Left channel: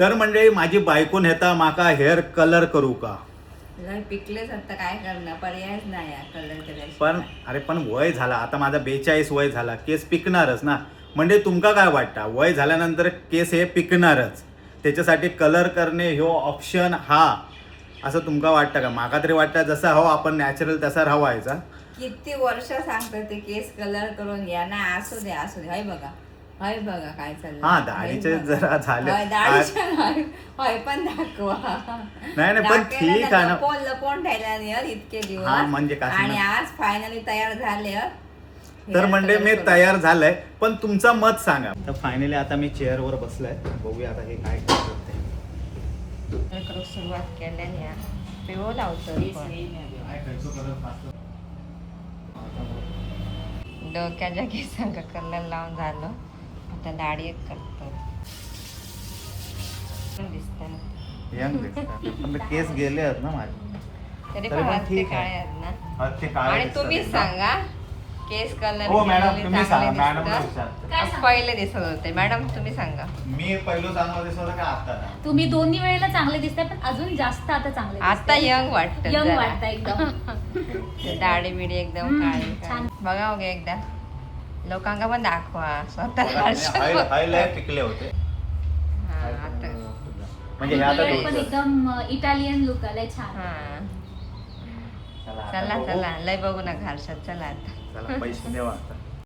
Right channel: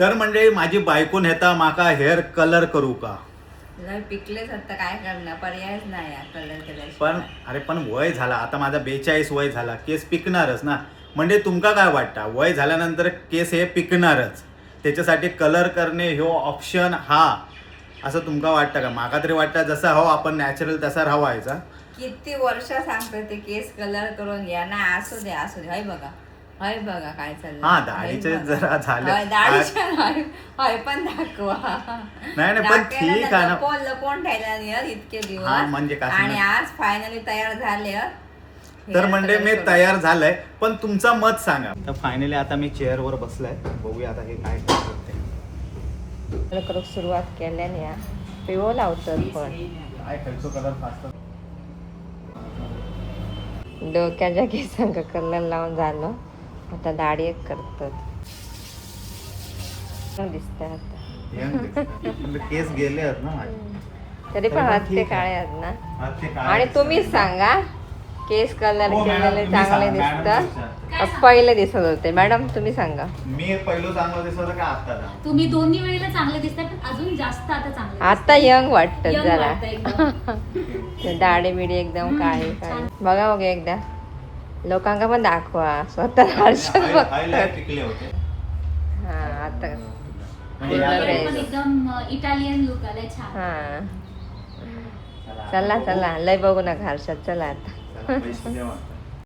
तर म्हणजे माझी बायको नेता माका हेअर कलर करू का? लय पिकलेच आता काय करणार, पर्यायच नाही यार कलर केल्याशिवाय. पण अरे पण वय झाला आता माझा 42 वय झाला, केस पिकणारच ना. म्हणजे तुमका काय वाटतं वय झाल्यानंतर केस हे पिकणारच, त्याच्यासाठी कलर करणे ह्यो ऑप्शन हा असं तुमका वाटतं का? माका तरी वाटतं जसा हो आपण नॅचरल तसा राहायचा. किती वर्ष सांगतो ते केस कलर करून घ्या ना, असू दे असू दे. हय बघा काय चाललं. हा, दाढीचे जरा झाले. दाढीच्या हय पण दाखवा. नाही पण ठीक आहे ना. लपवून ठेवल्या नाही यार इतके हा, दिवस. म्हणजे काय आणि सांगणार? आज फायनली तयार झाले. तर म्हणजे मी तयार झालंय, पण तुमचं मत सांगा. तर फायनली आता मी चेअरवर बसलाय, बघूया आता हे काय करते. सुरुवात केल्याने यार पिओ लावतो काय खेळतो कलर फास्ट. डोक्याच्या केसांना कलर लावून झालं, आता दाढी एक करतो. दिसतात यंग दिसतात, पण केस गेले आहेत ना माझे. तरी पण हत्ते काय आहेत ना. ते काय आणि तुम्हीच सांगा केस कलर हो मॅडम, केलेले तुम्ही चांगले सांगा. मॅडम दिसतात पहिले दिसत होते. मॅडम तुम्ही सांगा. मी पहिलं चांगलं दिसत होतं का आता? तुम्ही दोन्ही वेळेला चांगले दिसताय, पण अजून जास्त आता चांगले आता यंग वाटत यंग वाटतं एकदम. दाढी बिडी एकदम काळी छान. बघा बघा एकदा लोकांना पण दाखवा स्वतः. हायलाइट टिकले होते. हा आता म्हणजे हे आता कलर पण थोडंसं- एकदम इटालियन लुक आलाय छान. हा चला, चला आता बघू. चला लय बघू नका हर्षद चला आता. चला, पैसे देवा आता.